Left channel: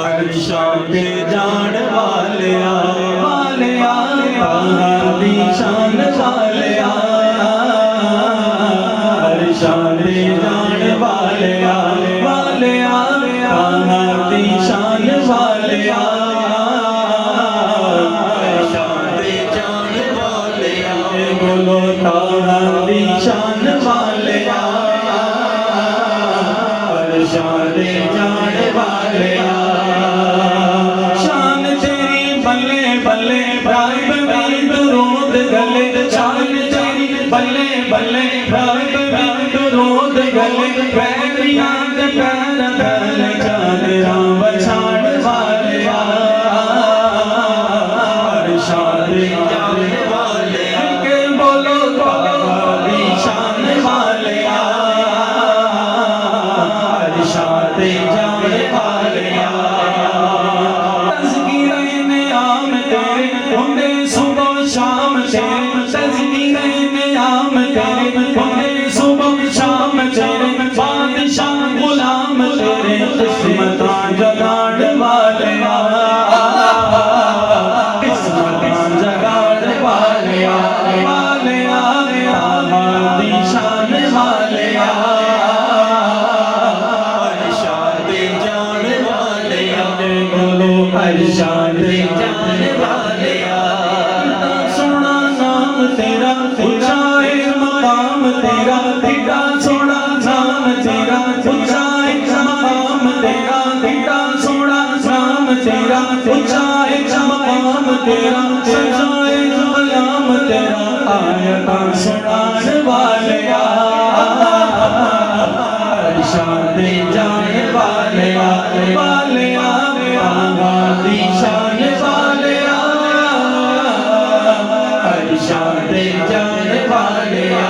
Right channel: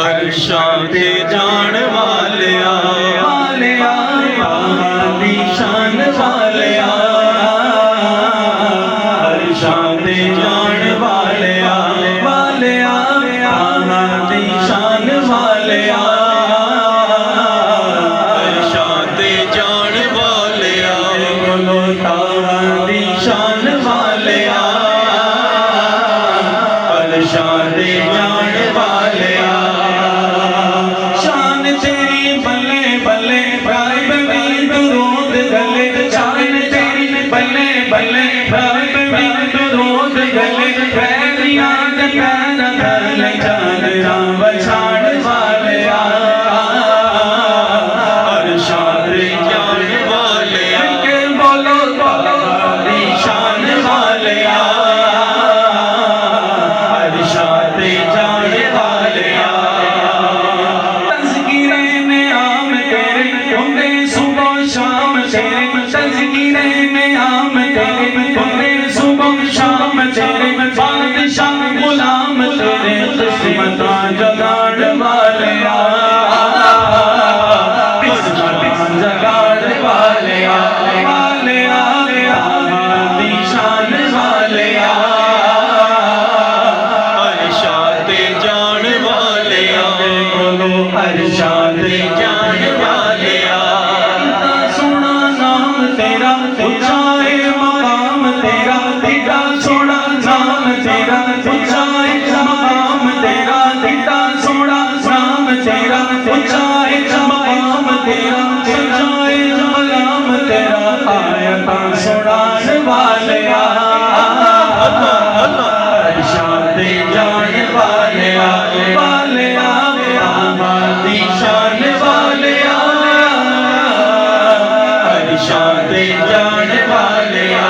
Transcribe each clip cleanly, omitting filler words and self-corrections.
अरशां ते जान वालिया वालिया दी शान वालिया अरशां ते जान वालिया वालिया दी शान वालिया अरशां ते जान वालिया बोलो ताहा दी शान वालिया अरशां ते जान वालिया बल्ले बल्ले रोद गले पैरियां दे पैर पैर जान राम छाड़ वालिया अरशां ते जान वालिया के बोलो दी शान वालिया अरशां ते जान वालिया तज़किरे में आम तेरे होंदे सुबह शाम तेरे तज़किरे में आम तेरे होंदे सुबह शाम तेरे बादशाह गुलाम तेरे किस्मतां जगाड़ वालिया किस्मतां जगाड़ वालिया वालिया दी शान वालिया अरशां ते जान वालिया बोलो अरशां ते जान वालिया सोना नाम तेरा ऊंचा है मकाम तेरा कितना सोना नाम तेरा ऊंचा है मकाम तेरा कितना सोना नाम तेरा ऊंचा है मकाम तेरा ऊंचा है मकाम तेरा आयता सुनान वालिया अरशां ते जान वालिया वालिया दी शान वालिया अरशां ते जान वालिया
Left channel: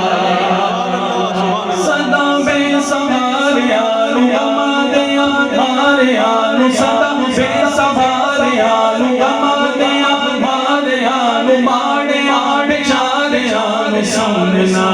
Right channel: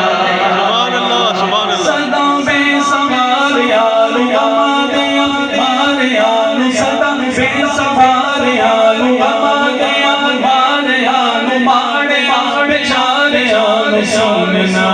सदा बेसवार यालू अमादे अमार यालू सदा बेसवार यालू अमादे अमार यालू माड़े बेचारे यालू सोनना